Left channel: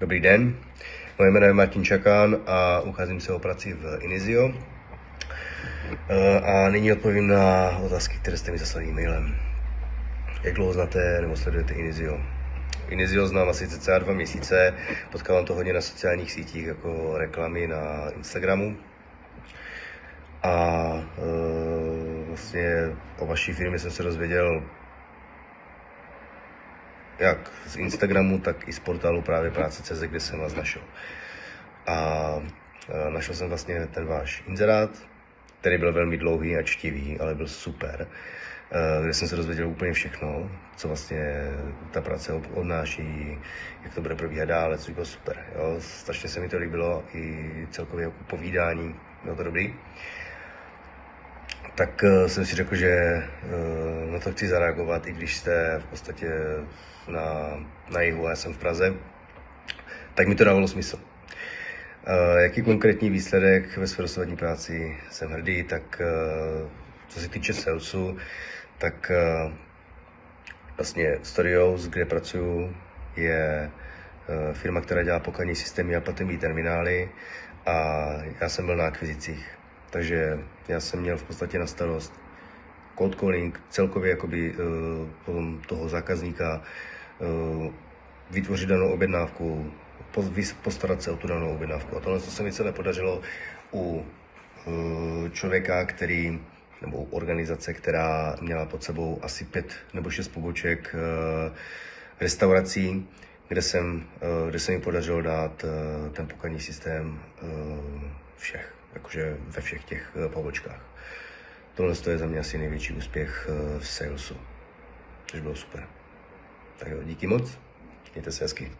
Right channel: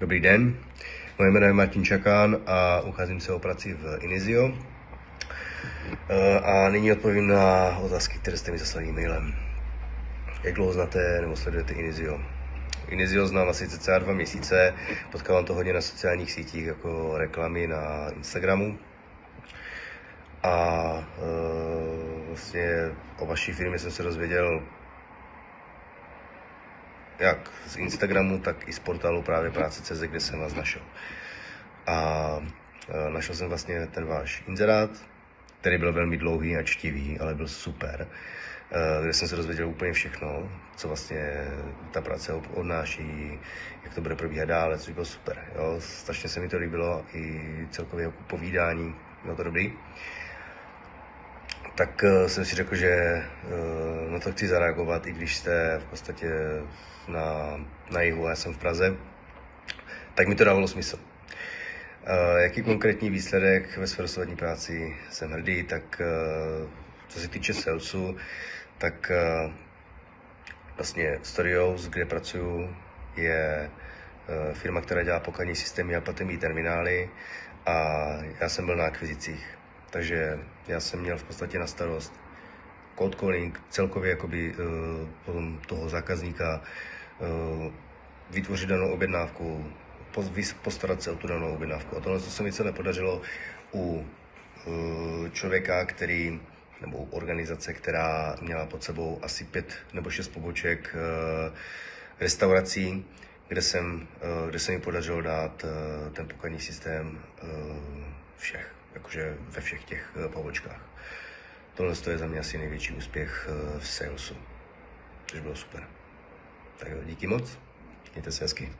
Dobrý den, moje jméno je Martin Čakán a ucházím se o práci v Inizio. A nyní odpovím na otázky, které jste mi zaslali e-mailem. Jak dlouho znáte nebo sledujete Inizio? Inizio znám asi cca 2 měsíce, potkávám to hodně na sociálních sítích, jako reklamy na Instagramu. A vlastně o vaší firmě jsem se dozvěděl jak z Instagramu, tak i z portálu právě práce.cz, kde jsem vás našel. A našel jsem vlastně ten váš inzerát, který byl velmi dlouhý a čtivý, ale byl super. Kde jsem se dozvěděl úplně všechno, co vlastně ta práce odnáší, jak to bude probíhat dále, což bylo super. Jo. Strašně se mi to líbilo, i celkově povídání, bylo to dobrý. Tak jsem si řekl, že na to chci zareagovat, i když jste v podstatě na jihu a já jsem v Praze, tak mi to dávalo smysl. Jaký konkrétní výsledek ve své dosavadní práci jsem hrdý, tak co se týče salesu, tak vlastně Storios, kde pracuju, je firma, která dělá pokladní systémy a platební terminály a já jsem byl na akvizicích. Takže já jsem měl v podstatě na starost cold calling, celkově jakoby toho zákazníka, vytvořit danou objednávku, postarat se o tu danou objednávku. A tohle se mi celé podařilo u člověka, nebo u organizace, která měla pod sebou asi 5 nebo 6 poboček restaurací, kde se mi podařilo dát ten pokladní systém všech, jakože ve všech těch pobočkách. Tohle je za mě asi největší úspěch v salesu, což bylo super. Tak jo, díky moc, mějte se hezky.